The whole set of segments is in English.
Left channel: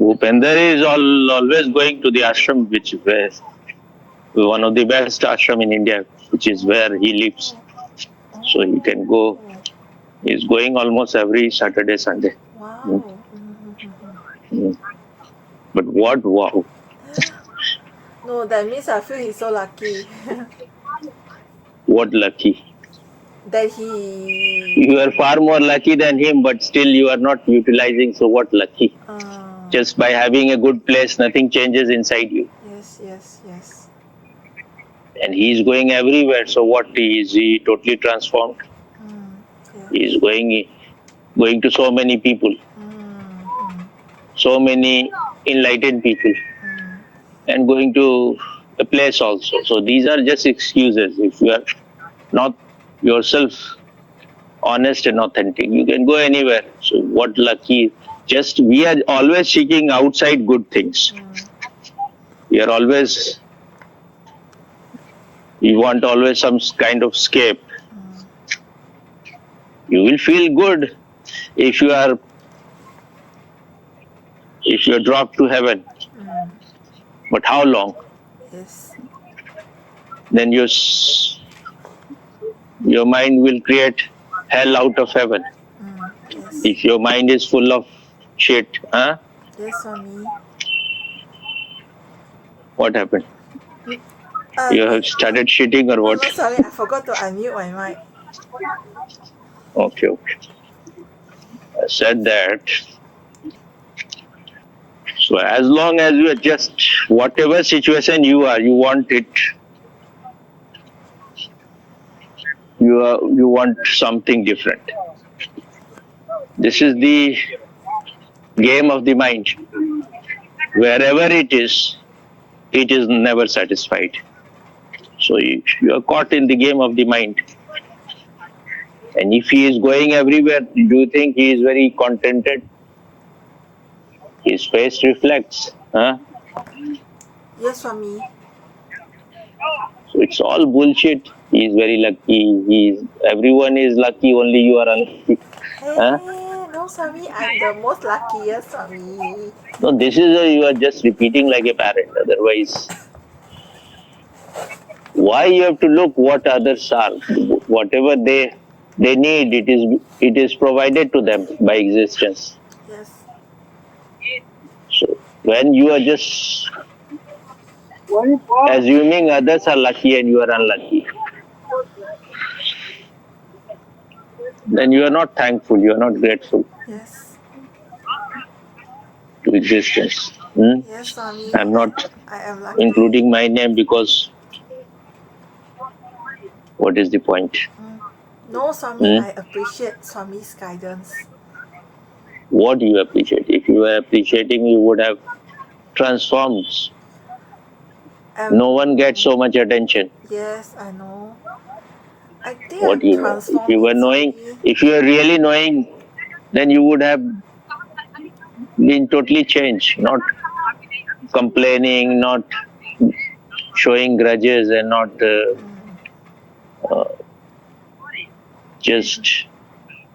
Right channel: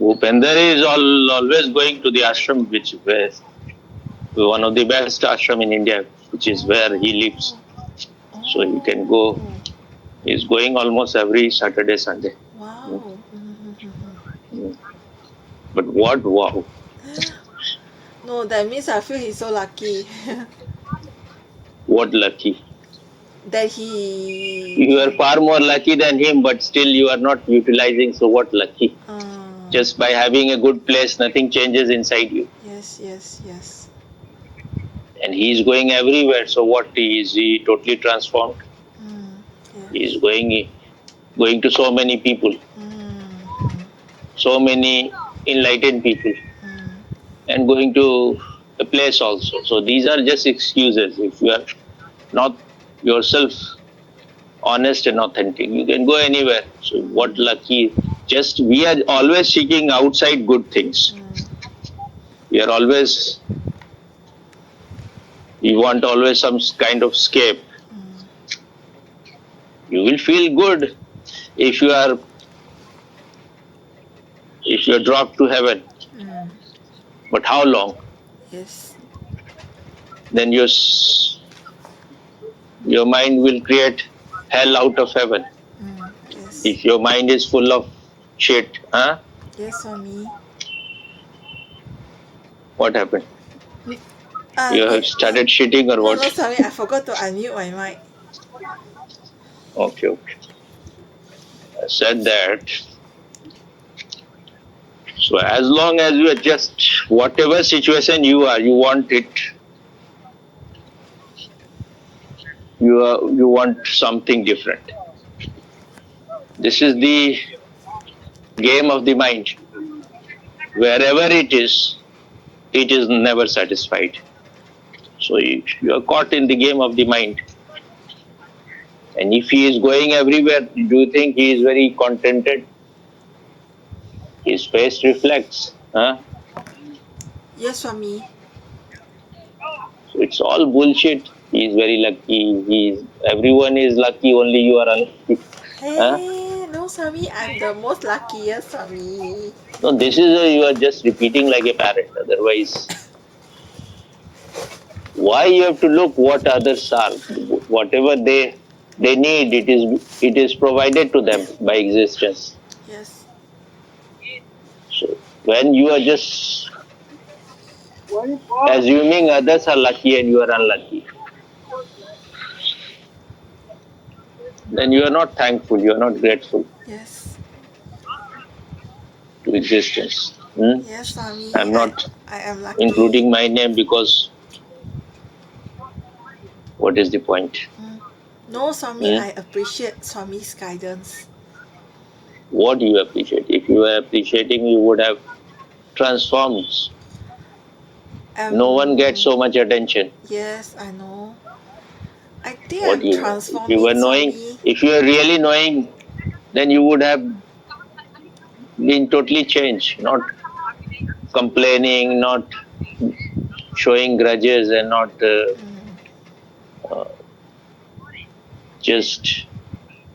Bhupender is always going to the ashram, which is one of the best ashram in India, which is where he lives. So he can go. He's going almost every Saturday, Sunday. Wow. But what wow! No, that means I feel he's so lucky What lucky! that he. You are far more lucky than him, but still you are not utilizing. So what lucky? Just by having a good place, nothing changes inside you. Yes. And he is going everywhere. So what is he totally transformed? Yes. He is going to so many people, so many enlightened people, and going to a place also. So these are just excuses. If you are not yourself honest and authentic, you can go anywhere. So what lucky? Just we are always seeking outside good things. We are always, we want always some kind of escape. You will feel good if you are dropped to heaven. But how long? Yes. Then your mind will create hell out of heaven. Yes. If your mind is full of shit, huh? Yes, Swami. What happened? You have started shitting or what? No, sorry, I forgot to unmute my mic. Okay. I said that. So as long as you are just whatever situation you are, you want it. You want something different. This is the game of the mind. Wherever it is never satisfied. So you are caught in the game of the mind. And if he is going everywhere, do you think he is very contented? His face reflects. Huh? Yes, Swami. So it's all bullshit. He is very lucky. Everyone is lucky, only you are unlucky. Huh? Hey, no, Swami, I'm the most luckiest, Swami. No, this is you are just repeating like a parrot. Otherwise, why you have to look what others are? Whatever they need, it is provided to them by existence. Yes. So when you are just assuming others are lucky and you are unlucky, then you are not thankful, you are not grateful Yes. to existence. Yes, Swami. I'm not I am lucky. including my name because what is the point? No, Swami, I appreciate Swami's guidance. What do you appreciate? If you were appreciating, you would have transformed. No one gets so much attention. Yes, I know. I think What I'm you know? If you were transforming, knowing, Swami. if you were really knowing, then you would have been totally changed, not complaining, not showing grudges, and not just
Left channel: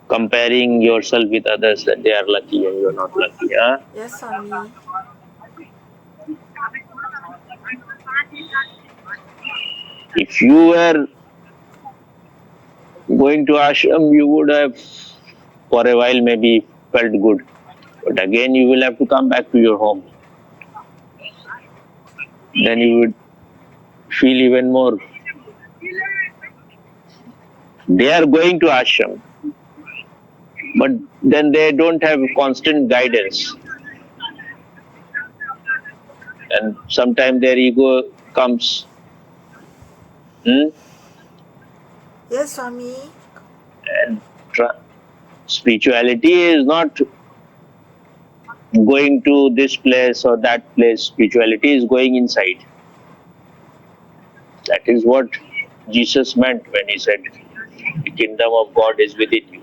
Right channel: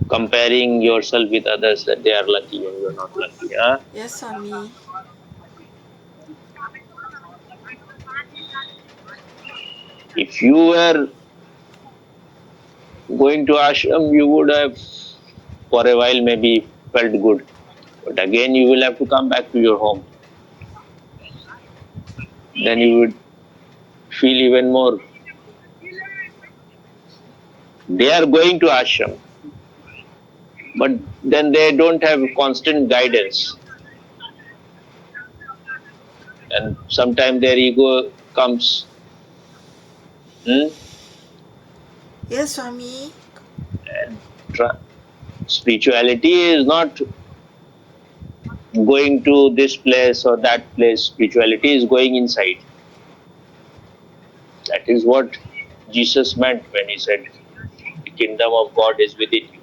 comparing yourself with others that they are lucky and you're not lucky. Huh? Yes, Swami. If you were going to ashram, you would have for a while maybe felt good. But again, you will have to come back to your home. Then you would feel even more. They are going to ashram, but then they don't have constant guidance. And sometimes their ego comes. Yes, Swami. And spirituality is not going to this place or that place. Spirituality is going inside. That is what Jesus meant when he said, the kingdom of God is within you.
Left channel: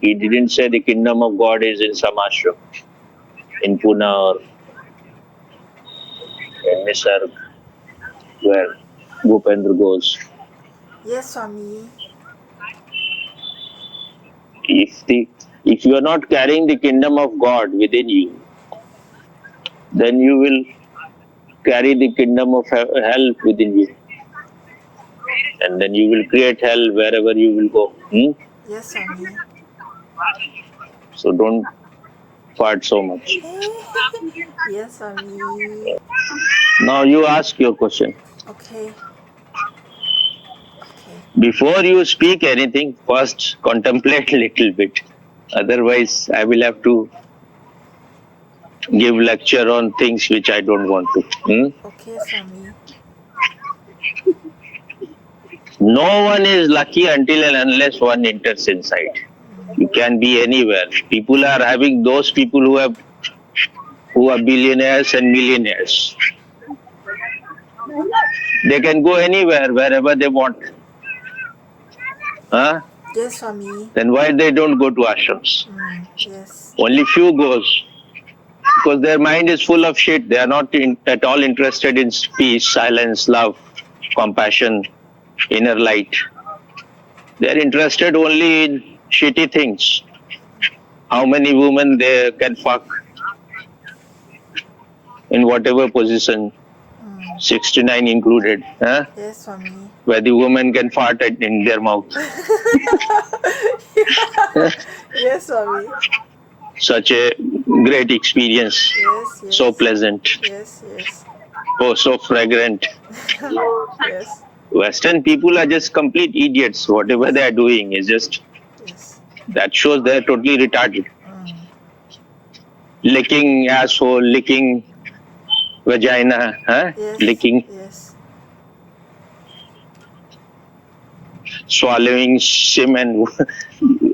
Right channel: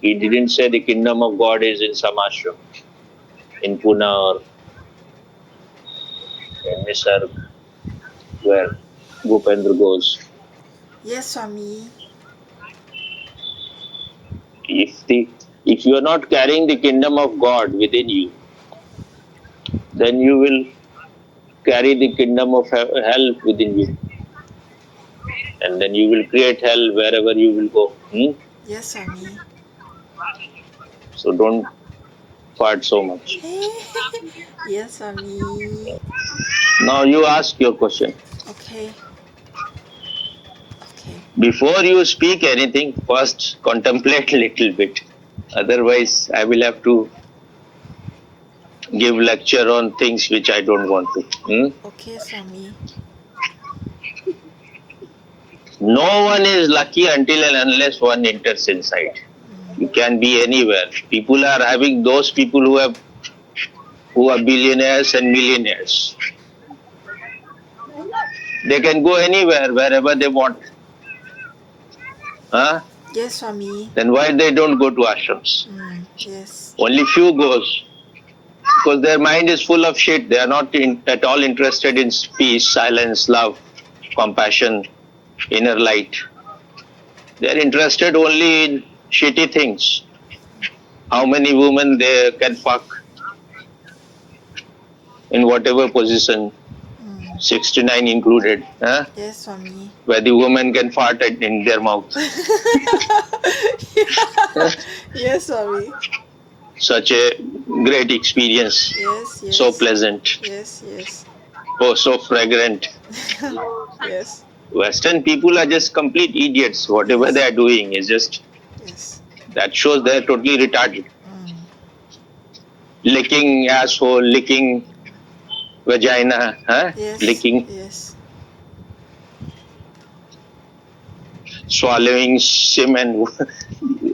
He didn't say the kingdom of God is in some ashram, in Pune or in Nisarg, where Bhupendra goes. Yes, Swami. If you are not carrying the kingdom of God within you, then you will carry the kingdom of hell within you. And then you will create hell wherever you will go. Yes, Swami. So don't fart so much. Yes, Swami. Now you ask your question. Okay. Okay. Before you speak anything, first contemplate a little bit. Otherwise, I will have to give lecture on things which I don't want to. Okay, Swami. No one is lucky until and unless one enters inside. You can be anywhere. People are having those people who are billionaires and millionaires. They can go anywhere, wherever they want. Huh? Yes, Swami. Then why they don't go to ashrams? Yes. Only few goes. Because their mind is full of shit. They are not at all interested in peace, silence, love, compassion, inner light. They are interested only in shitty things. How many women they can fuck in whatever position, 69 included, huh? Yes, Swami. Where the woman can fart in their mouth. Yes, Swami. Such a great experience. Yes, yes. So pleasant. Yes, yes. Oh, so fragrant. Yes. Western people are just complete idiots. Whatever Yes. they are doing is just, Yes. that shows they are totally retarded. Licking asshole, licking vagina, huh? Yes. Licking, Yes. swallowing semen.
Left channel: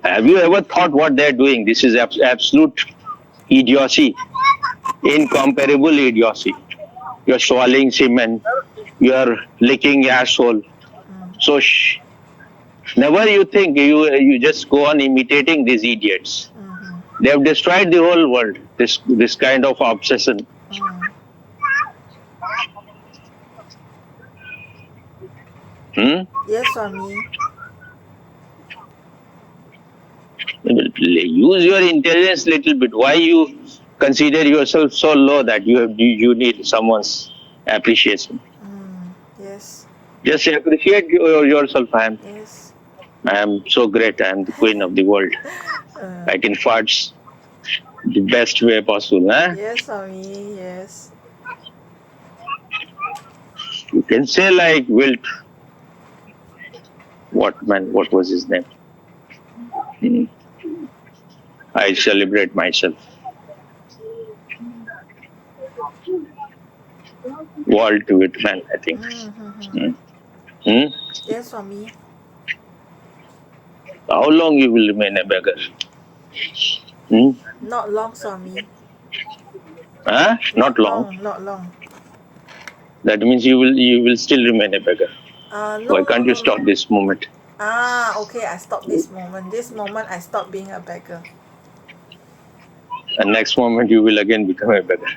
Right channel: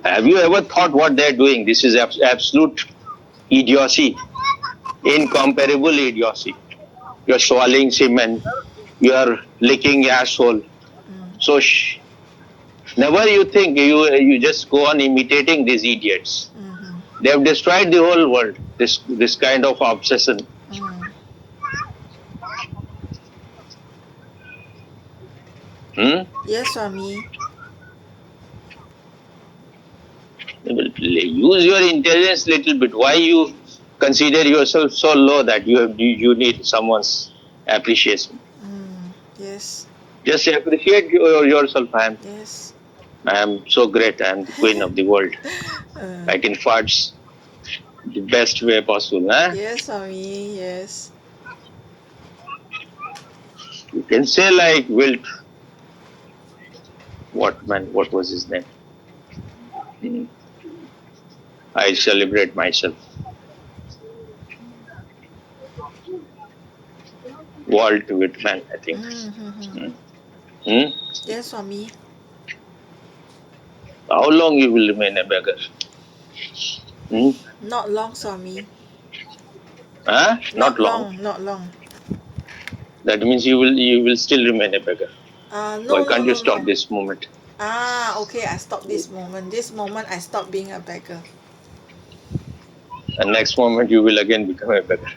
Have you ever thought what they're doing? This is absolute idiocy, incomparable idiocy. You're swallowing semen, you're licking asshole. So never you think you just go on imitating these idiots. They have destroyed the whole world. This kind of obsession. Yes, Swami. Use your intelligence little bit. Why you consider yourself so low that you need someone's appreciation? Yes. Just appreciate yourself. Yes. I am so great. I am the queen of the world. I can fart the best way possible. Huh? Yes, Swami. Yes. You can say like Wilt. What was his name? I celebrate myself. Walt Whitman, I think. Yes, Swami. How long you will remain a beggar? Not long, Swami. Huh? Not long. Not long. That means you will still remain a beggar. No, Why can't no, you stop this moment? Okay, I stop this moment. This moment I stop being a beggar. And next moment you will again become a beggar.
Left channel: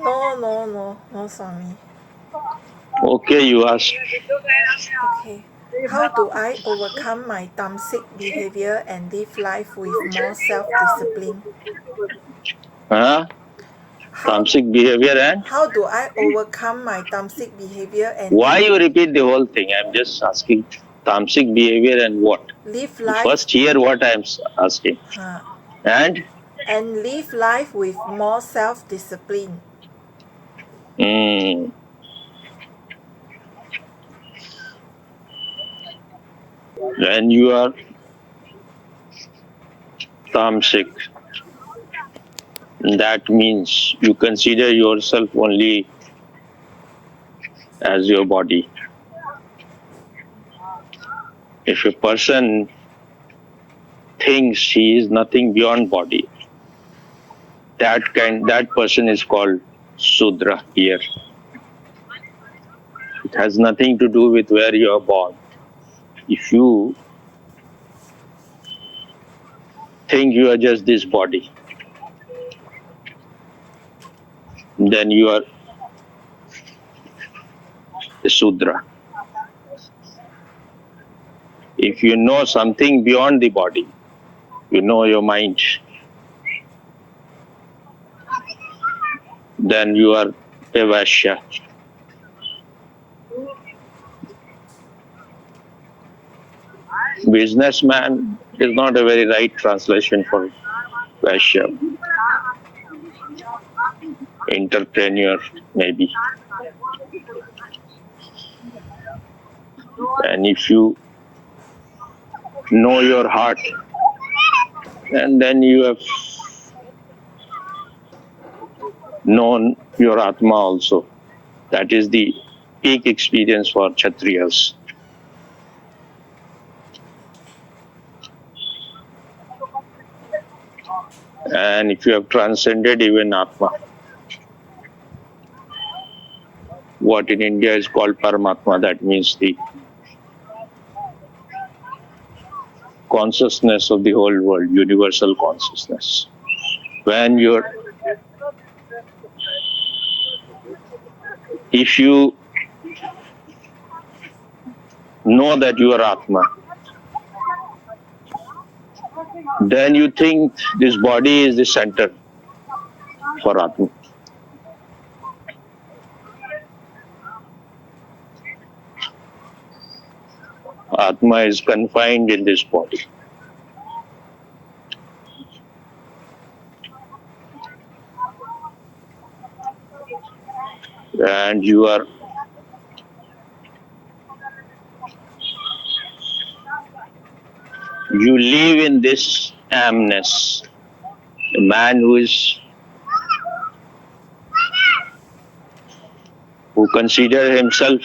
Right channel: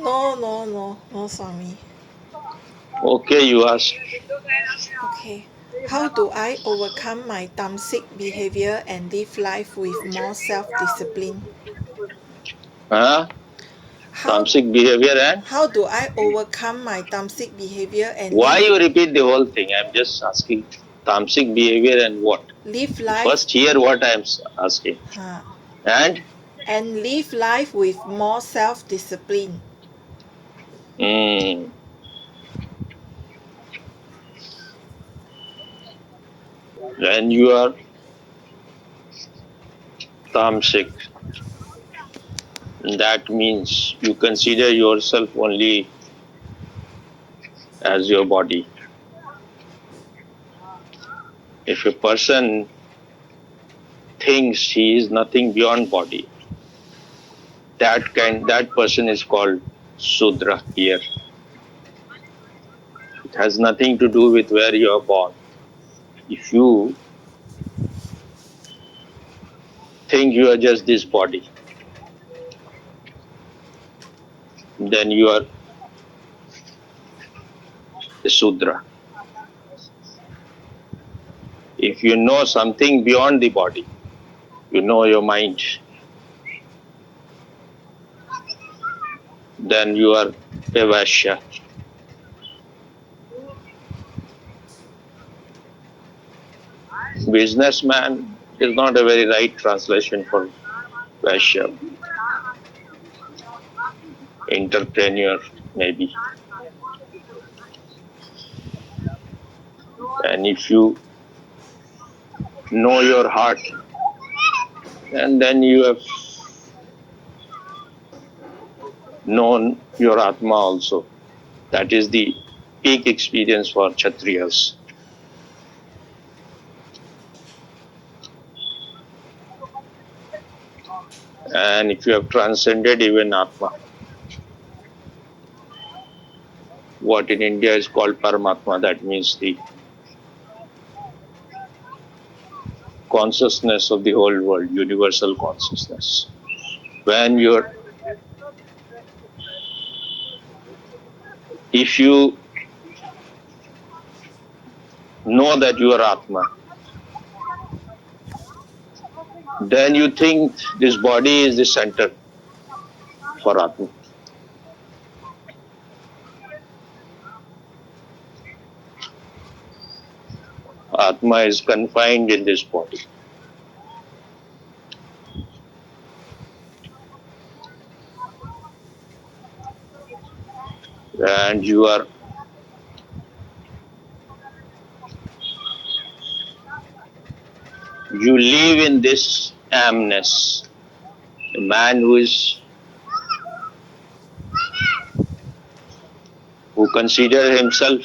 No, Swami. Okay, you ask. Okay. How do I overcome my Tamsik behavior and live life with more self-discipline? Huh? How, Tamsik behavior and? how do I overcome my Tamsik behavior and Why you repeat the whole thing? I'm just asking. Tamsik behavior and what? live life First hear what I'm asking. And? and live life with more self-discipline? When you are tamasic, that means you consider yourself only as your body. If a person thinks he is nothing beyond body, that person is called Sudra here. It has nothing to do with where you are born. If you think you are just this body, then you are a Sudra. If you know something beyond the body, you know your mind, then you are a Vaishya. Businessman is not a very right translation for Vaishya. Entrepreneur, maybe. And if you know your heart, and then you have known your Atma also. That is the peak experience for Kshatriyas. And if you have transcended even Atma, what in India is called Paramatma, that means the consciousness of the whole world, universal consciousness. If you know that you are Atma, then you think this body is the center for Atma. Atma is confined in this body. And you live in this amness. A man who considers himself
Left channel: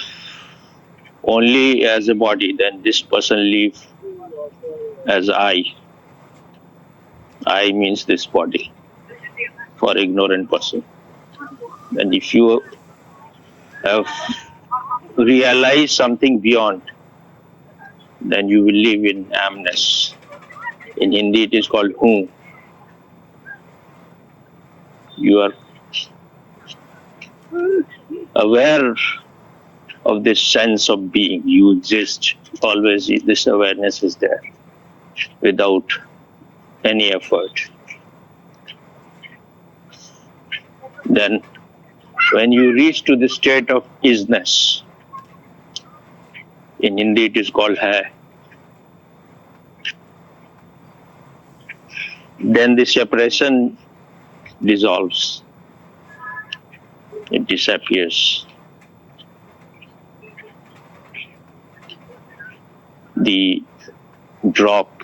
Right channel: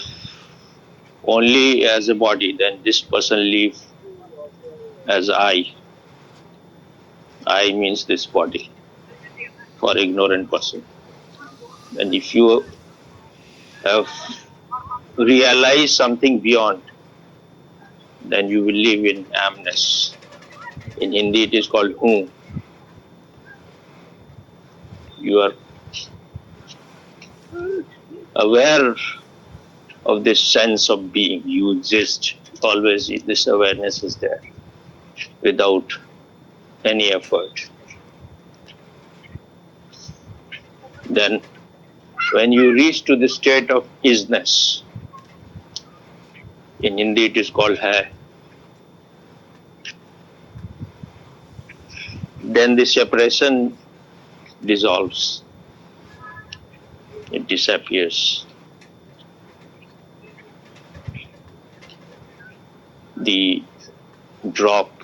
only as a body, then this person lives as I. I means this body for ignorant person. And if you have realized something beyond, then you will live in amness. In Hindi it is called Hu. You are aware of this sense of being. You exist. Always this awareness is there without any effort. Then when you reach to the state of isness, in Hindi it is called hai, then the separation dissolves. It disappears. The drop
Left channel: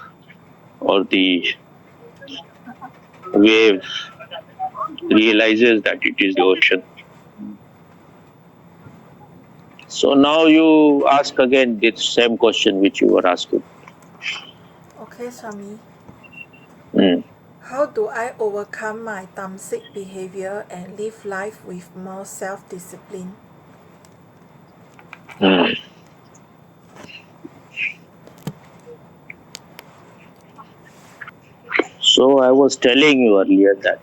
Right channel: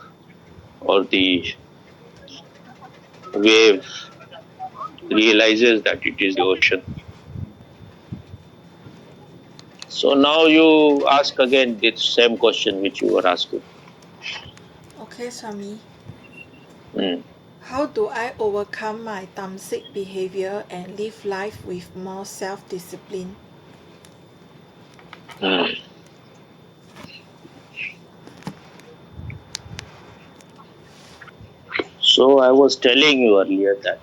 or the wave realizes that it is the ocean. So now you ask again the same question which you were asking. Okay, Swami. Mm. How do I overcome my Tamsik behavior and live life with more self-discipline? Mm. So I was telling you earlier that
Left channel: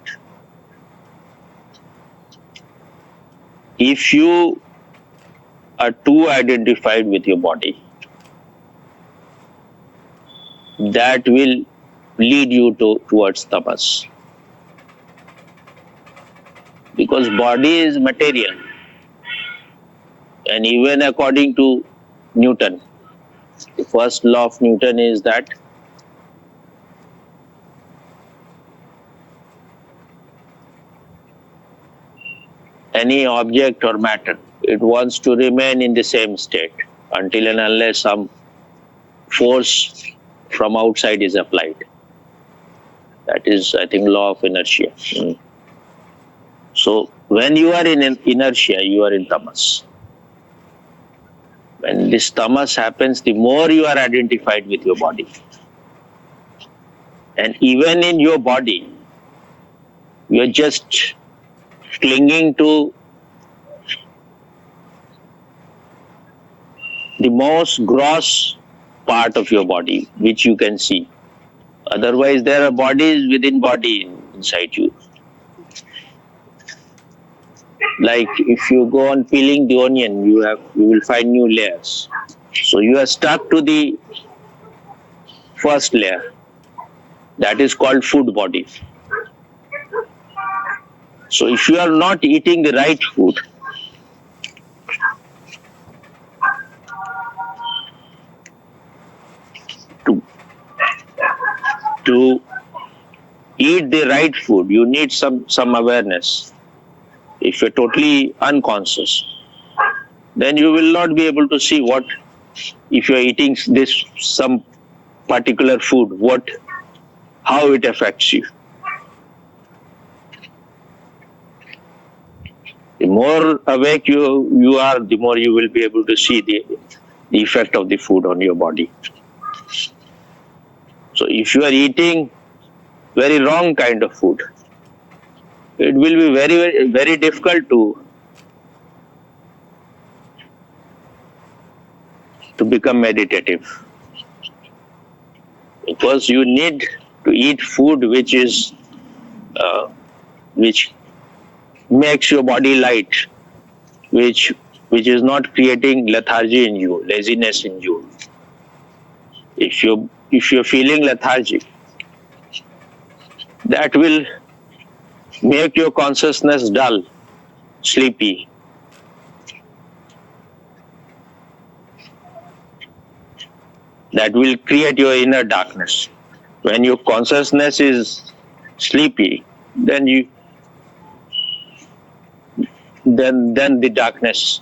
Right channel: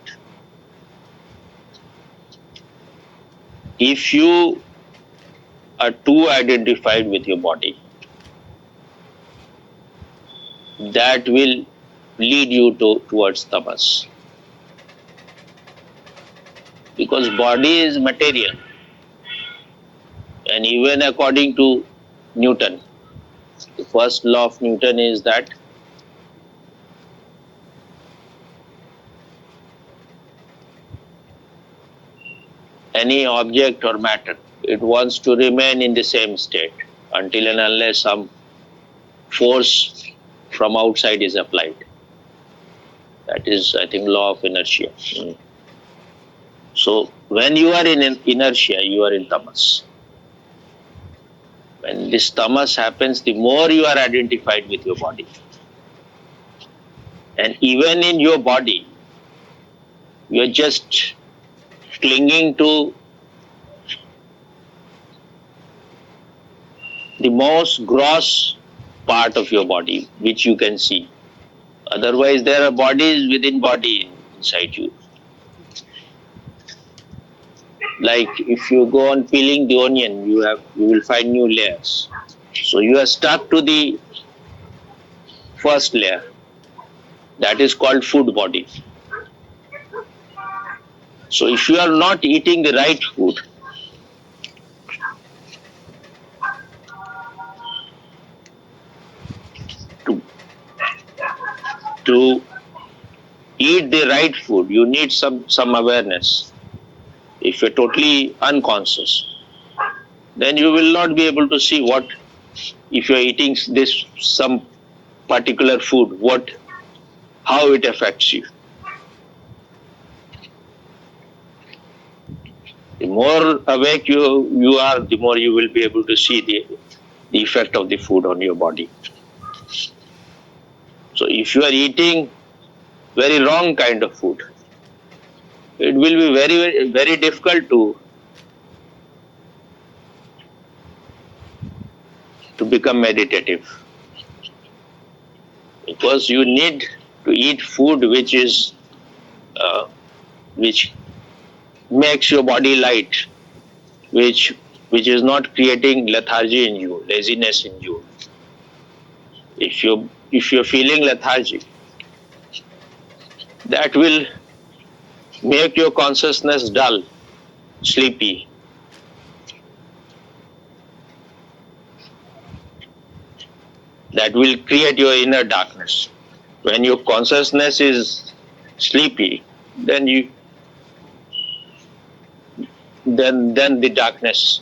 if you are too identified with your body, that will lead you towards tamas. Because body is material. And even according to Newton, the first law of Newton is that any object or matter, it wants to remain in the same state until and unless some force from outside is applied. That is, I think, law of inertia. Mm. So when you are in inertia, you are in tamas. When this tamas happens, the more you are identified with your body. And even in your body, you are just clinging to the most gross part of your body, which you can see. Otherwise, there are bodies within body inside you. Like if you go on peeling the onion, you will find new layers. So you are stuck to the first layer. That is called food body. So if you are not eating the right food, to, to eat the right food, you need some awareness. If you're totally unconscious, then you will not be able to see what, if you're eating this some particular food, how it affects you. The more awake you are, the more you will be able to see the effect of the food on your body. So if you are eating very wrong kind of food, it will be very, very difficult to become meditative, because you need to eat food which makes your body light, which is not creating lethargy in you, laziness in you. If you're feeling lethargic, that will make your consciousness dull, sleepy. That will create your inner darkness. When your consciousness is sleepy, then then the darkness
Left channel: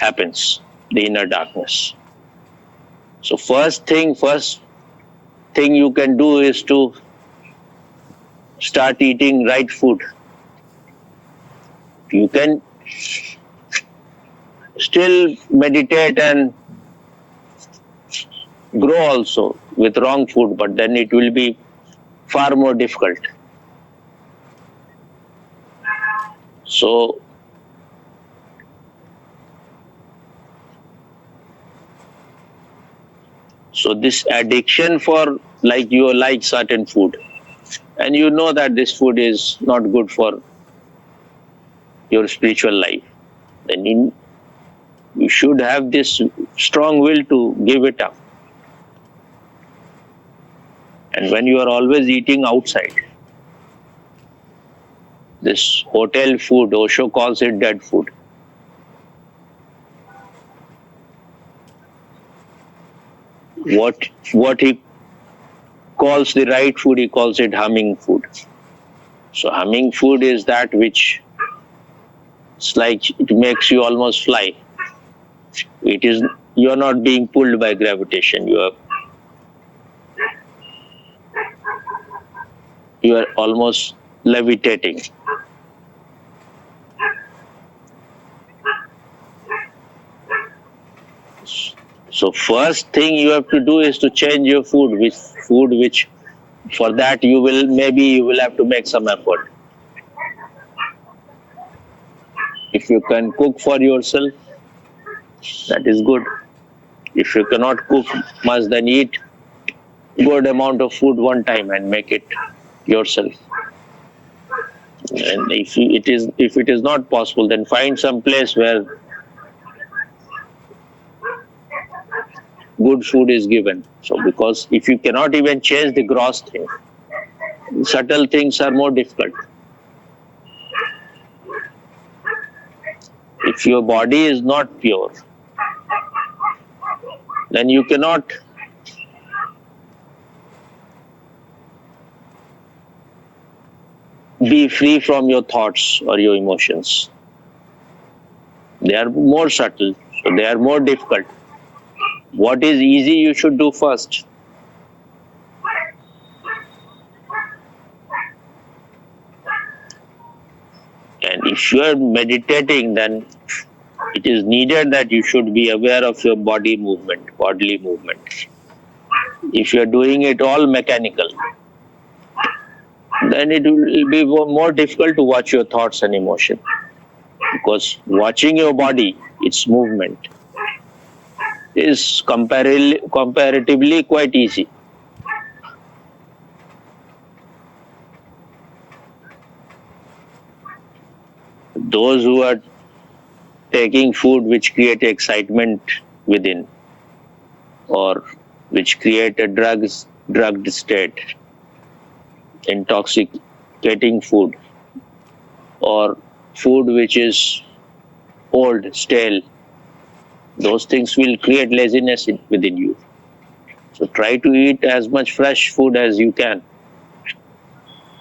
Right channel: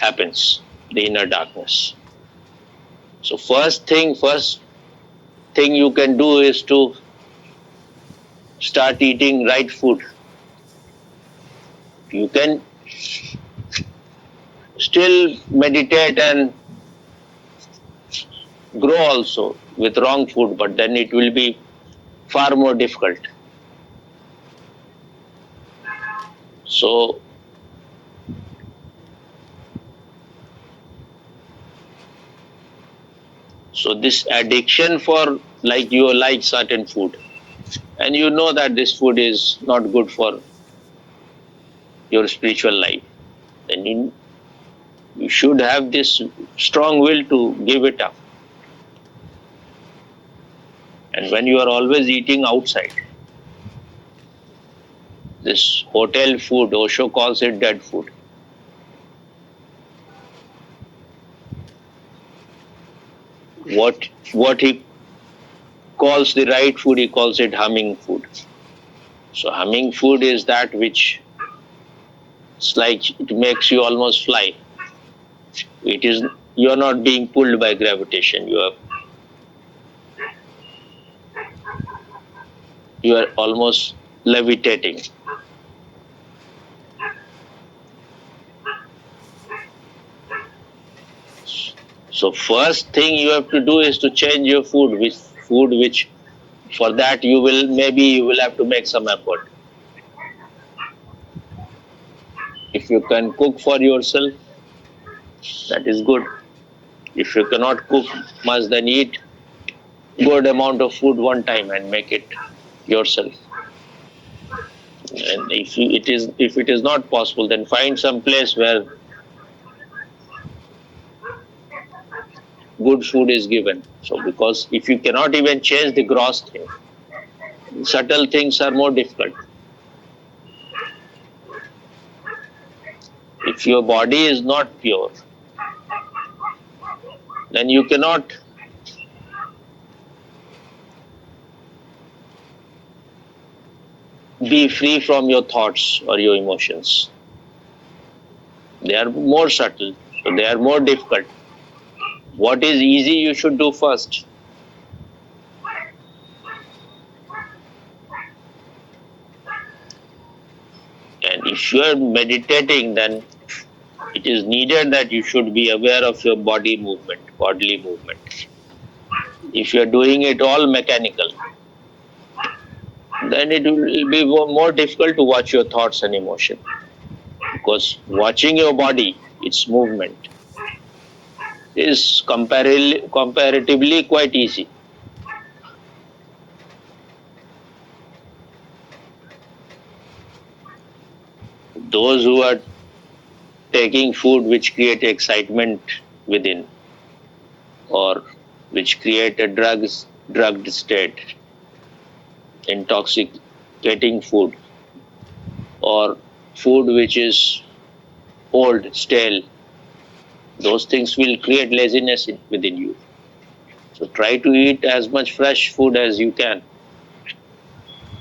happens, the inner darkness. So first thing you can do is to start eating right food. You can still meditate and grow also with wrong food, but then it will be far more difficult. So this addiction for, like, you like certain food and you know that this food is not good for your spiritual life, then you should have this strong will to give it up. And when you are always eating outside, this hotel food, Osho calls it dead food. What he calls the right food, he calls it humming food. So humming food is that which, it's like it makes you almost fly. It is, you are not being pulled by gravitation. You are almost levitating. So first thing you have to do is to change your food with food which, for that you will have to make some effort. If you can cook for yourself, that is good. If you cannot cook much, then eat good amount of food one time and make it yourself. And if it is not possible, then find some place where good food is given. So because if you cannot even change the gross thing, subtle things are more difficult. If your body is not pure, then you cannot be free from your thoughts or your emotions. They are more subtle, so they are more difficult. What is easy, you should do first. And if you are meditating, then it is needed that you should be aware of your bodily movement. If you are doing it all mechanical, then it will be more difficult to watch your thoughts and emotion. Because watching your body, its movement, is comparatively quite easy. Those who are taking food which create excitement within, or which create a drugged state, intoxicating food, or food which is old, stale, those things will create laziness within you. So try to eat as much fresh food as you can.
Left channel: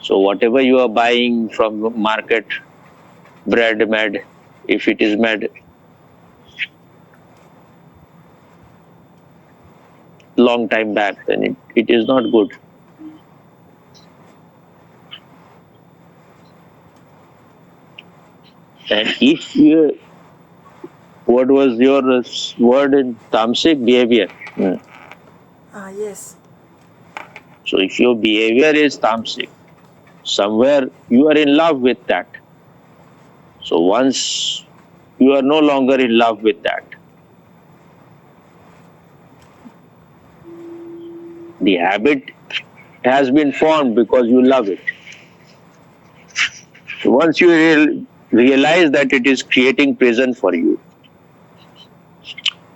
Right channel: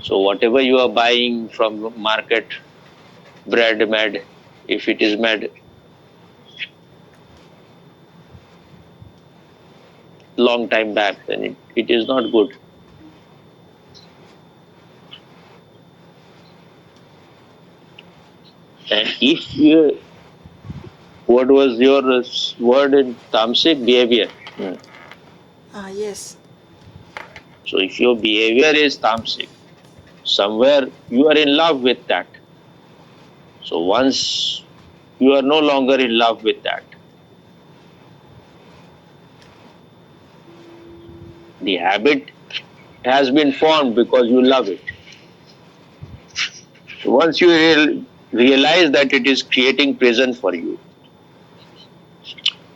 So whatever you are buying from the market, bread made, if it is made long time back, then it is not good. And if you, what was your word in Tamsik? Behavior. Yes. So if your behavior is Tamsik, somewhere you are in love with that. So once you are no longer in love with that, the habit has been formed because you love it. So once you realize that it is creating prison for you,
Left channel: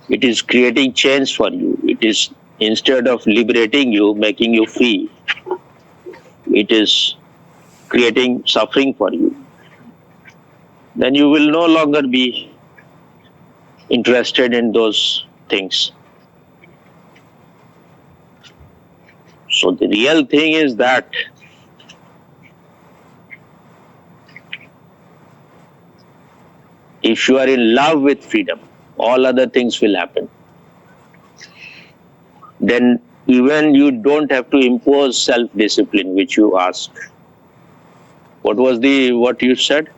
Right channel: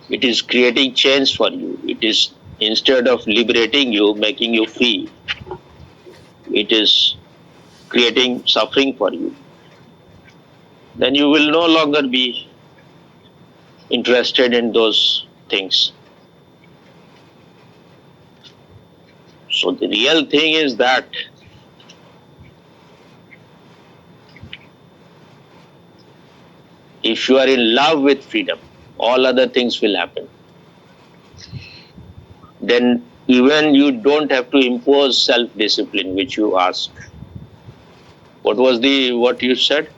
it is creating change for you, it is, instead of liberating you, making you free, it is creating suffering for you, then you will no longer be interested in those things. So the real thing is that if you are in love with freedom, all other things will happen. Then even you don't have to impose self-discipline, which you asked. What was what you said?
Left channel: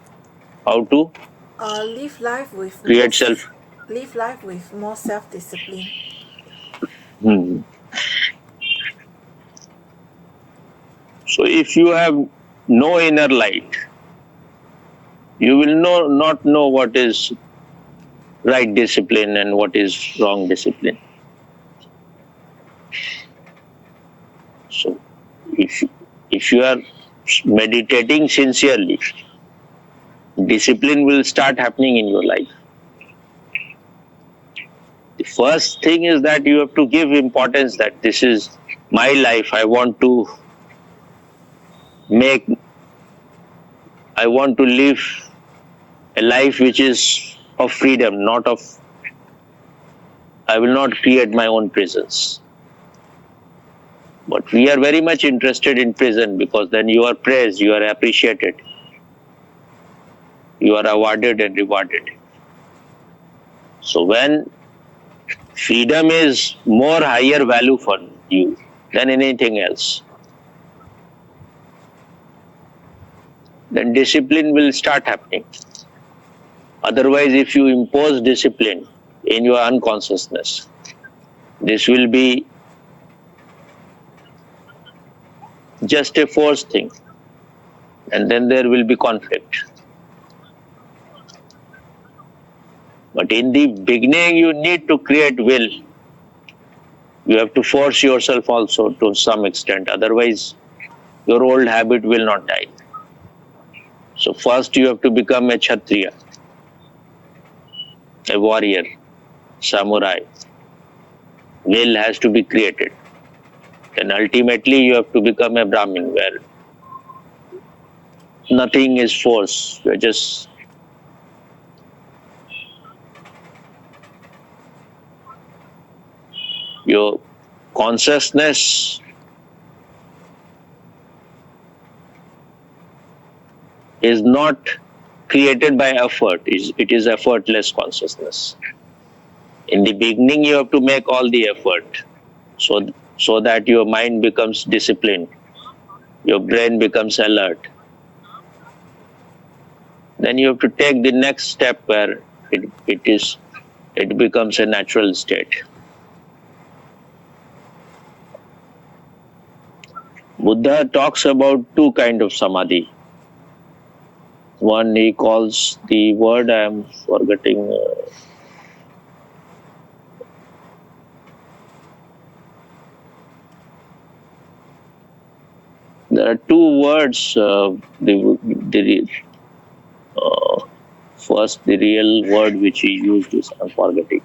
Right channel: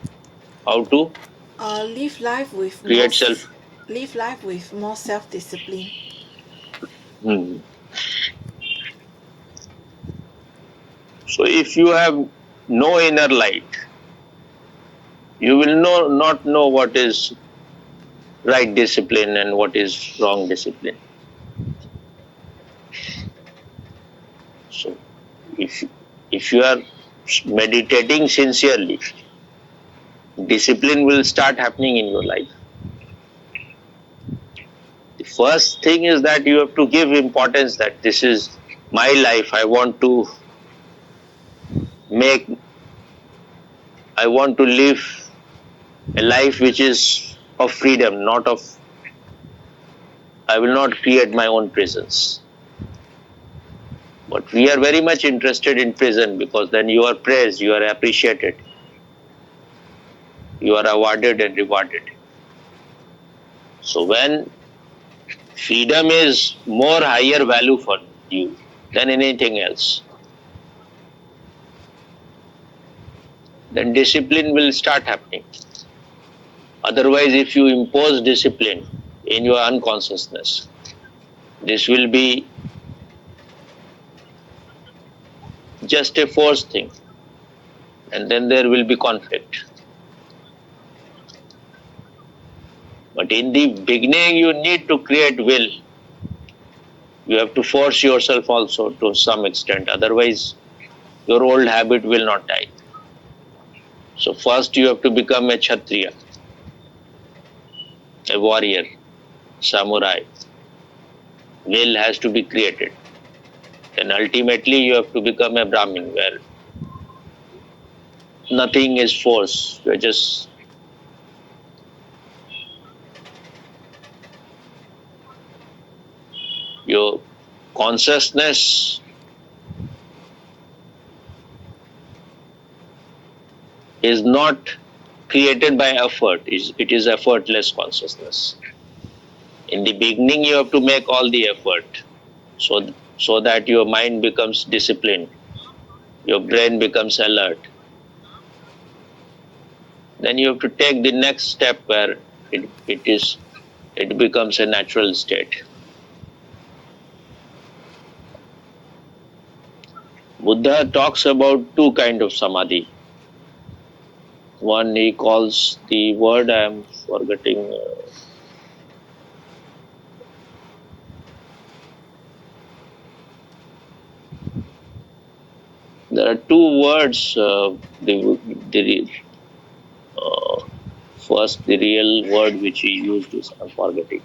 How to Live life with create self? more self-discipline. Hmm. So if you have no inner light, you will not know what is right discipline and what is wrong discipline. So if you are meditating sincerely, discipline will start happening in your life. The first thing is that you have to give importance that this is my life. Make I want to live a life which is of freedom, not of, I will not create my own prisons. But we are very much interested in prison because then you are praised, you are appreciated, you are awarded and rewarded. So when freedom is more higher value for you than anything else, then discipline will start happening. Otherwise, if you impose discipline in your unconsciousness, this will be just a forced thing, and then there will be conflict. But in the beginning, you need to create will. You have to force yourself also to some extent, otherwise, your old habit will not die. So, first, you have to become a Kshatriya, a warrior, samurai. Will has to be created. Then ultimately, you have to become a Brahmin, where nothing is forced. You're just your consciousness is not created by effort. It is effortless consciousness. In the beginning, you have to make all the effort so that your mind becomes disciplined, your brain becomes alert. Then you have to take the next step where it becomes a natural state. Buddha talks about two kinds of samadhi. One he calls the word I am forgetting. There are two words. The first, the real word which he used is I'm forgetting.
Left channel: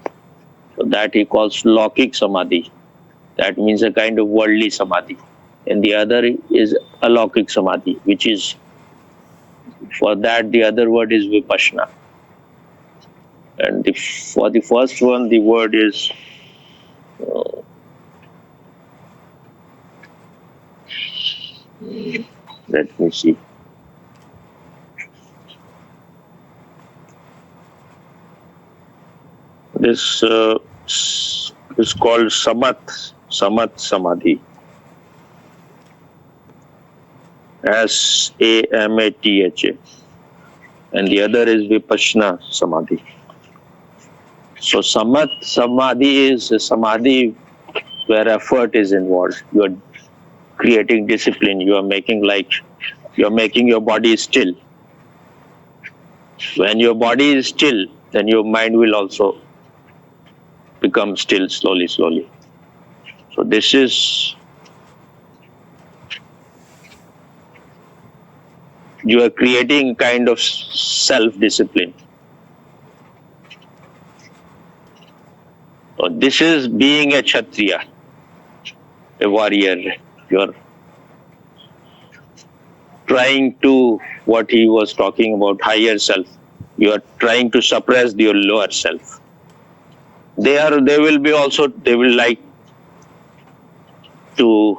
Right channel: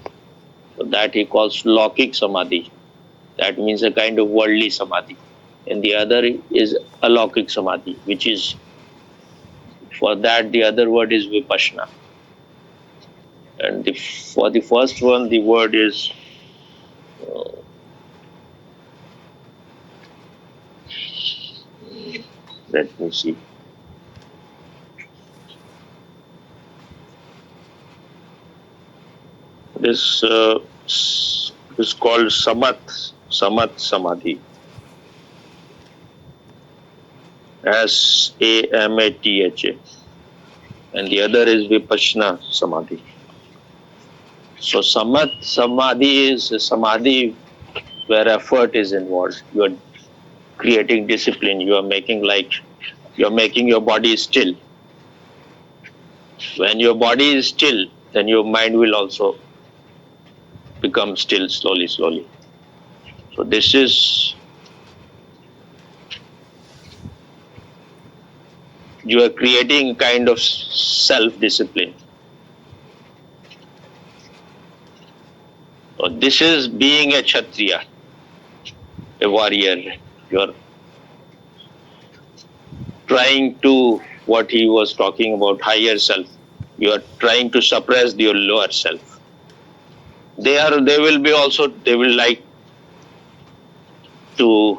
So that he calls Lokik Samadhi. That means a kind of worldly samadhi. And the other is Alokik Samadhi, which is For that, the other word is vipassana. And for the first one, the word is let me see. This is called samat samadhi. SAMATHA. And the other is vipassana samadhi. So samat samadhi is a samadhi where effort is involved. You are creating discipline. You are making your body still. When your body is still, then your mind will also become still slowly. So this is, you are creating kind of self-discipline. So this is being a Kshatriya, a warrior. You are trying to, what he was talking about, higher self. You are trying to suppress your lower self. They will like to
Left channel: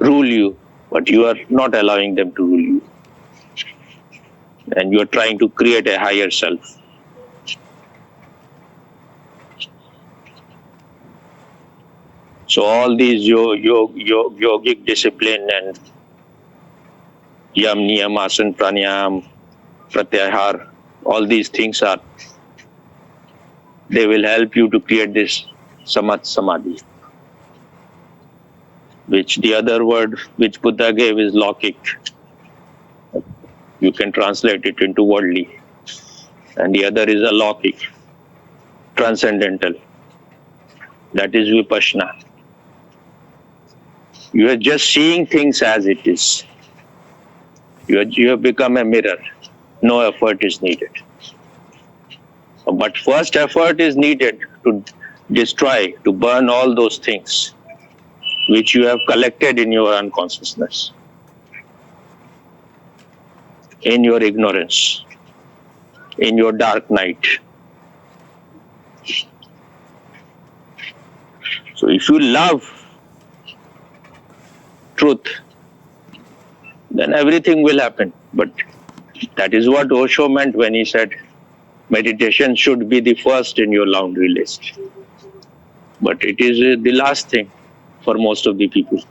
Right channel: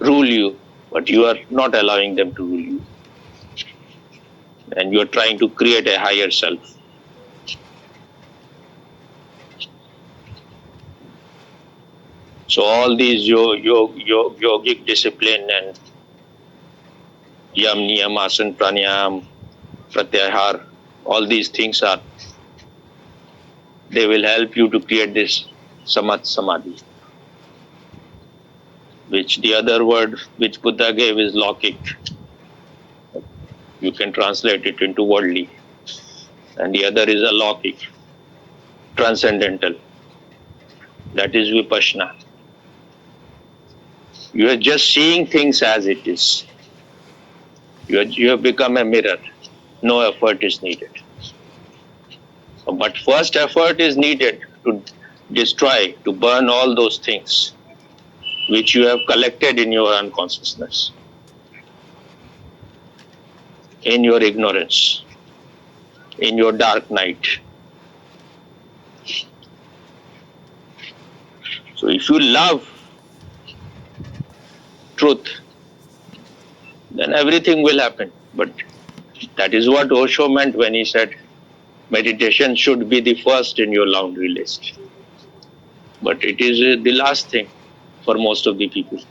rule you, but you are not allowing them to rule you. And you are trying to create a higher self. So all these yogic discipline and yam, niyam, asan, pranayam, pratyahar, all these things they will help you to create this samat samadhi, which the other word which Buddha gave is lokik. You can translate it into worldly. And the other is alokik, transcendental. That is vipassana. You are just seeing things as it is. You have become a mirror. No effort is needed. But first effort is needed to destroy, to burn all those things which you have collected in your unconsciousness, in your ignorance, in your dark night. So if you love truth, then everything will happen. But that is what Osho meant when he said meditation should be the first in your laundry list. But it is the last thing for most of the people.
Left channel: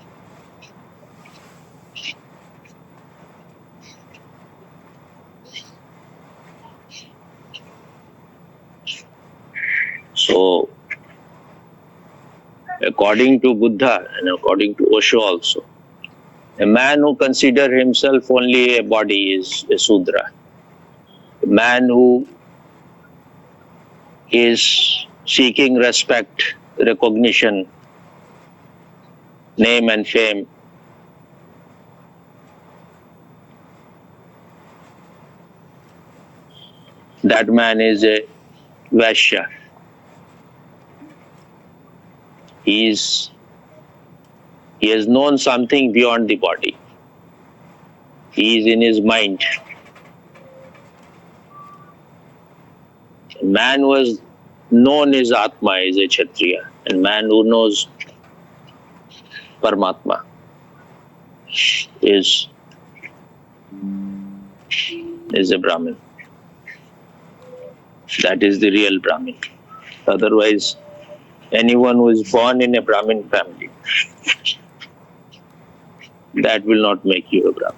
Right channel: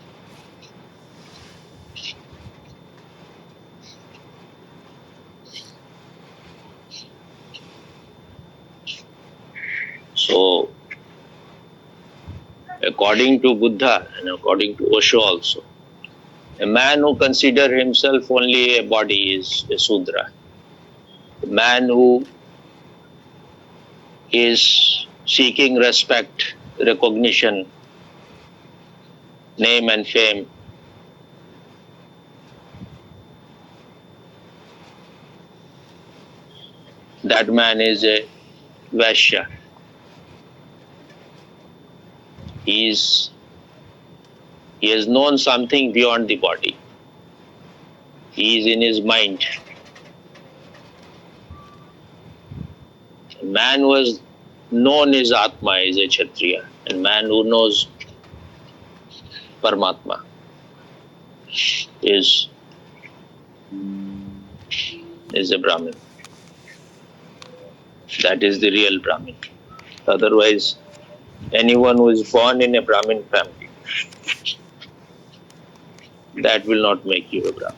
So according to Buddha and according to Osho also, a man who considers himself only a body is a Sudra. A man who is seeking respect, recognition, name and fame, that man is a Vaishya. He has known something beyond the body. He is in his mind. A man who has known his Atma is a Kshatriya, and man who knows Paramatma is a Brahmin. That is the real Brahmin. Otherwise, anyone who is born in a Brahmin family, that will not make you a Brahmin.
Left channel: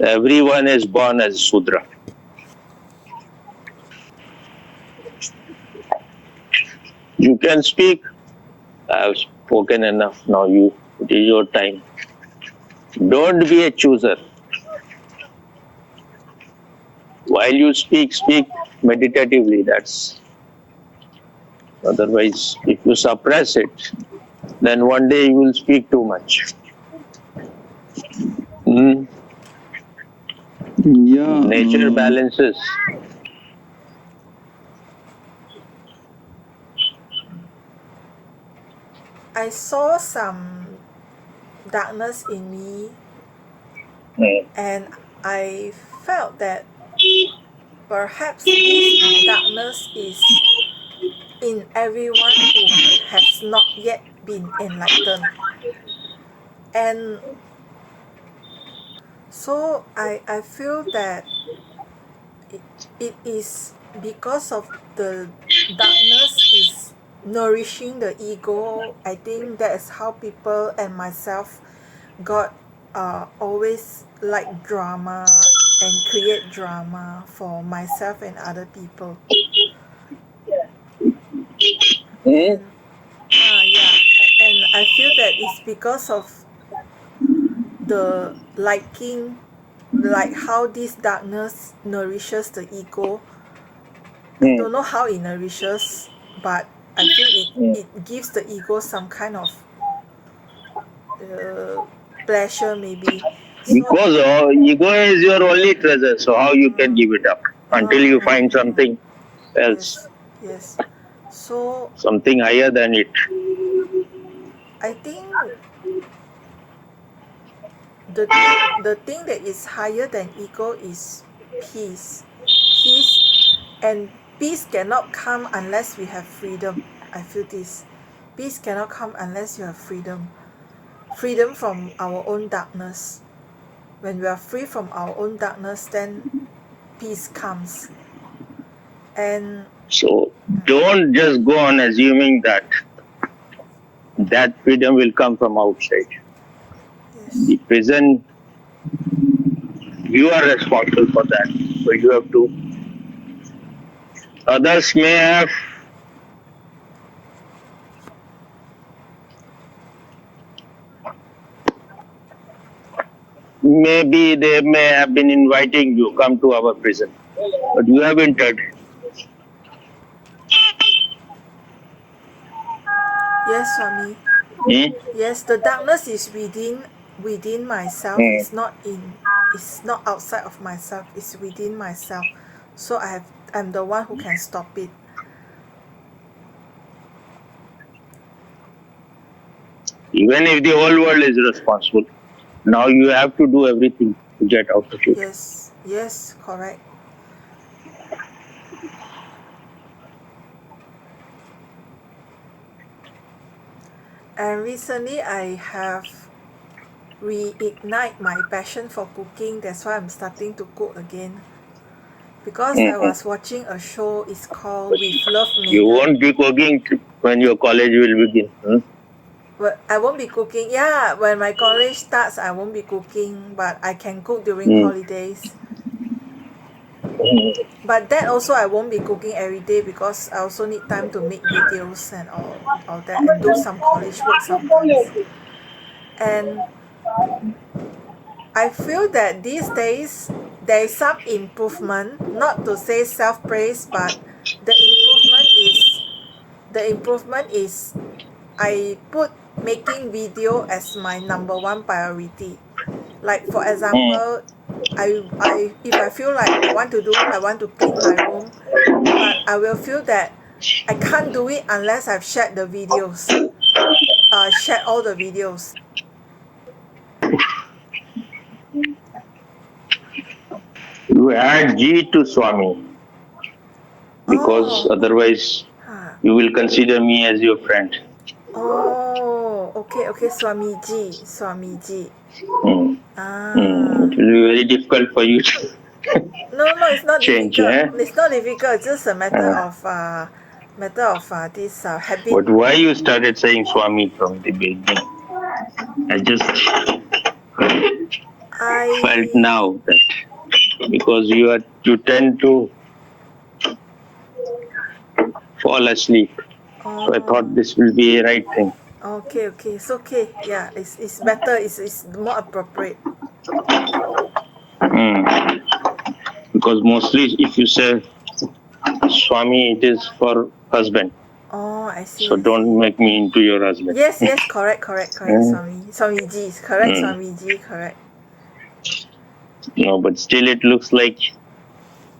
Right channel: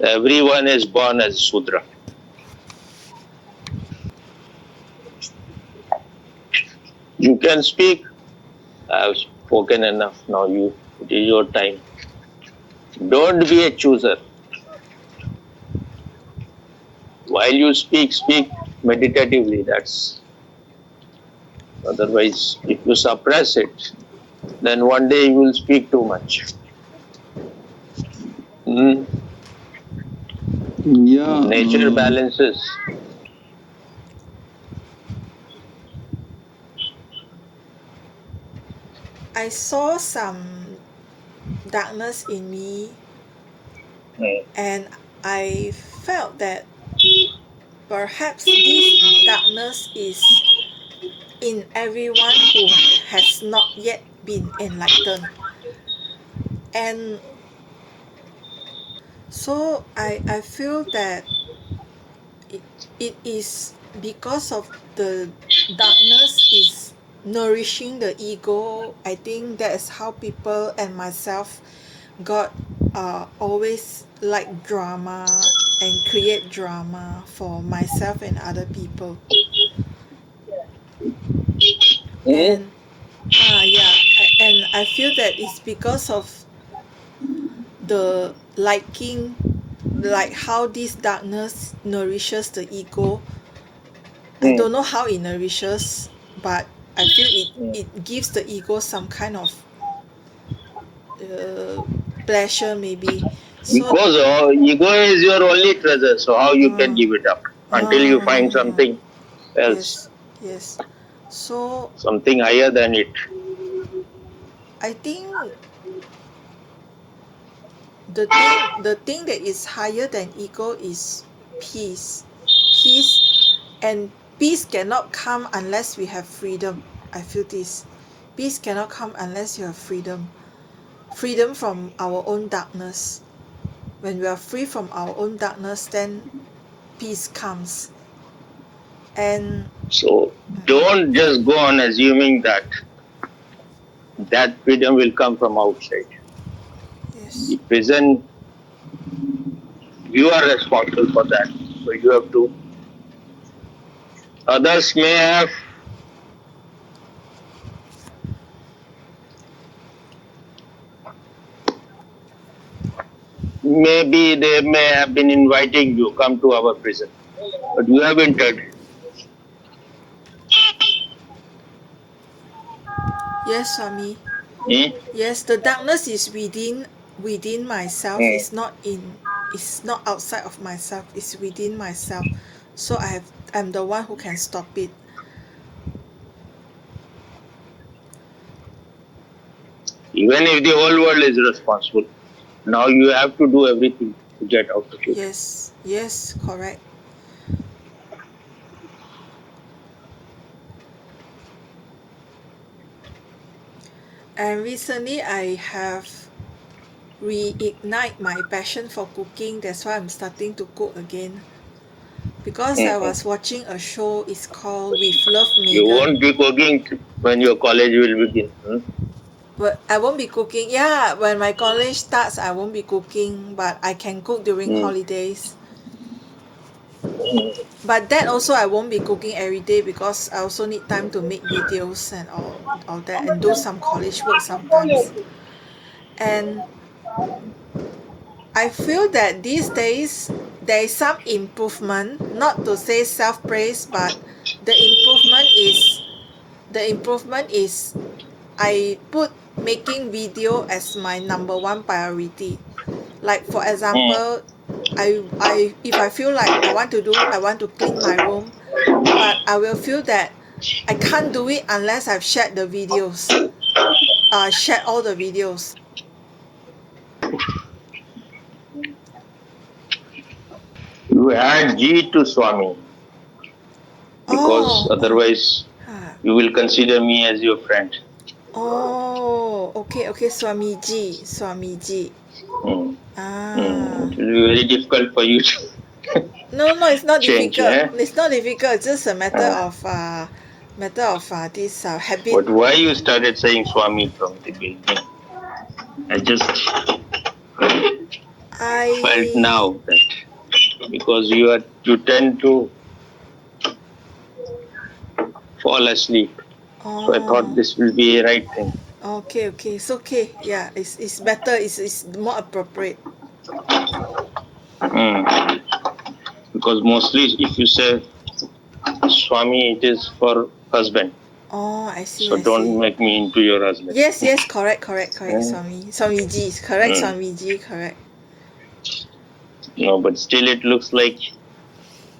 Everyone is born as Sudra. You can speak. I have spoken enough. Now it is your time. Don't be a chooser. While you speak meditatively. Otherwise, if you suppress it, then one day you will speak too much. Yeah. Nature balances. I saw some darkness in me, Mm. and I felt that perhaps this darkness is in everyone who has not yet been enlightened. And so I feel that it, it is because of the darkness is nourishing the ego. I think that's how people and myself got always like drama and create drama for myself and other people. Mm. And yeah, and I feel that it's because of the liking, like how this darkness nourishes the ego. I Mm. don't know how it nourishes, but I feel Mm. it gives the ego some kind of uh, pleasure maybe. So Because ego is your only treasure, so how you can give it up until you find something else, yes, yes. So something higher than it. I think the thing that is higher than ego is peace. Peace, and peace cannot come unless we have freedom. I feel this. Peace cannot come unless you have freedom. Freedom from our own darkness. When we are free from our own darkness, then peace comes. And So don't just go on assuming that freedom will come from outside. yes, The prison, you are responsible for that. So you have to. Others may have, maybe they may have been inviting you, come to our prison, but you have entered. yes, Swami. Hmm? Yes, the darkness is within myself. Hmm. It's not outside of myself. It's within myself. So I'm the one who can stop it. Even if the whole world is responsible, now you have to do everything to get out of it. Yes, yes, correct. And recently I have reignite my passion for cooking. That's why I'm starting to cook again. Because I Hmm. was watching a show, it's called With Love, You Megan. won't be cooking when your college will begin. Hmm? But I won't be cooking. Yeah, when my college starts, I won't be cooking, but I can cook during Hmm. holidays. But that also I won't be cooking every day because I also need time to make videos and all that and do some college work sometimes. And I feel that these days there is some improvement, not to say self praise, but the improvement is the improvement is I put making video as my number one priority. Like for Hmm. example, I if I feel like I want to clean my room, but I will feel that I can't do it unless I've shared the videos. Shared all the videos. You add G to Swami because Oh, otherwise huh. you will consider me as your friend. Oh, okay, okay, Swamiji, Swamiji. Hmm. Ah, It will be very difficult for you to no, no, it's not change. difficult. Eh? It's not difficult. It's just a Uh, matter of this habit. but why you started saying Swami from the beginning? I just felt I now that because you tend to fall asleep. So I thought oh, this will be a right thing. okay, okay, it's okay. Yeah, it's better. It's more appropriate. Hmm. Because mostly if you say Swami, it is for husband. Oh, I see, So I don't see. make me into your husband. Yes, yes, correct, correct, correct. Hmm. Swamiji, correct, Hmm. Swamiji, correct. No, but still it looks like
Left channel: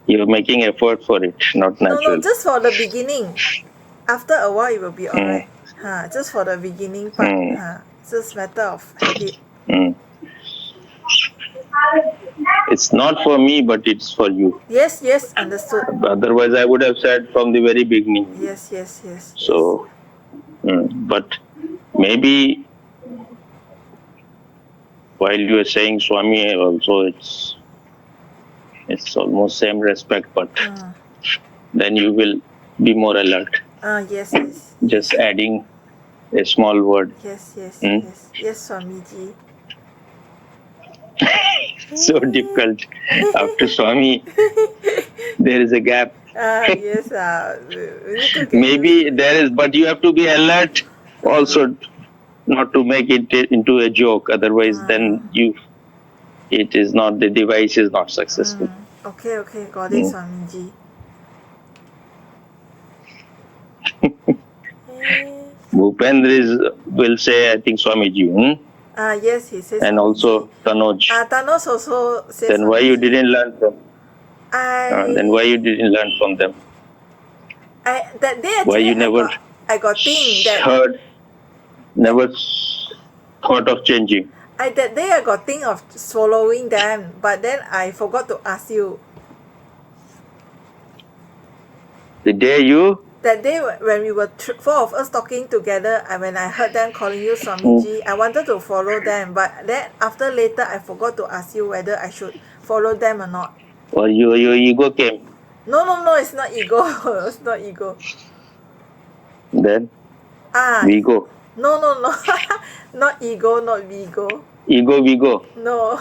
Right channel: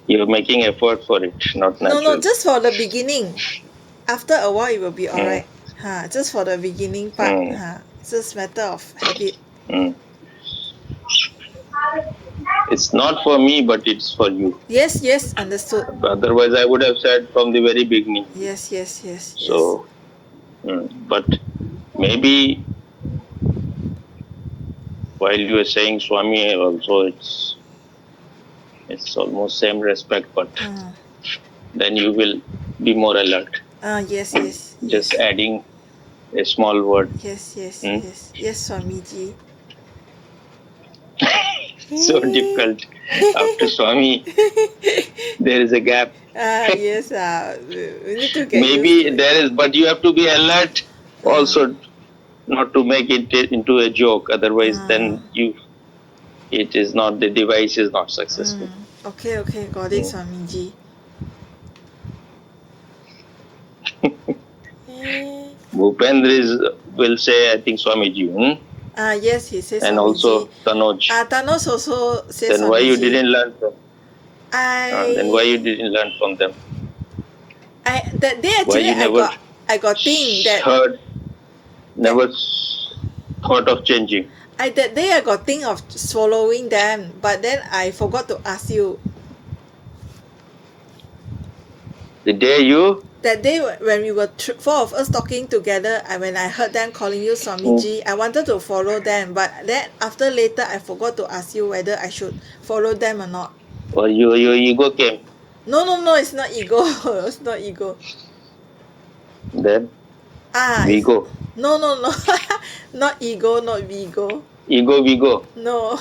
you're making effort for it, not No, no, natural. just for the beginning. After a while, it will be Hmm. alright. Huh, just for the beginning part. Hmm. Huh, just matter of habit. Mm. It's not for me, but it's for you. Yes, yes, understood. Otherwise, I would have said from the very beginning. Yes, yes, yes, yes. So, but maybe while you are saying Swami, also it's almost same respect, but then you will be more alert. Yes, yes, Just yes. adding a small word. Yes, yes, Hmm? yes. Yes, Swamiji. So difficult. After Swami, there is a gap. Yes, we need to get used Maybe to it. there is, but you have to be alert also, not to make it into a joke. Otherwise, then it is not, the device is not successful. Okay, okay, got it, Swamiji. Bhupendra will say, I think, Swamiji. Yes, he says And Swamiji. also Tanoj. Thanos also says Then Swamiji. why you didn't learn from? I Then why you didn't learn from them? that day Why actually you never I got think that heard, never thought of changing? that day I got think of swallowing them, but then I forgot to ask you. The day you, That day when we were four of us talking together, when I heard them calling you Swamiji, I wanted to follow them, but then after later I forgot to ask you whether I should follow them or not. or your ego came, No, no, no, it's not ego. It's not ego. then It's, Vigo. no, no, no. Not ego, not Vigo. Ego, Vigo. No.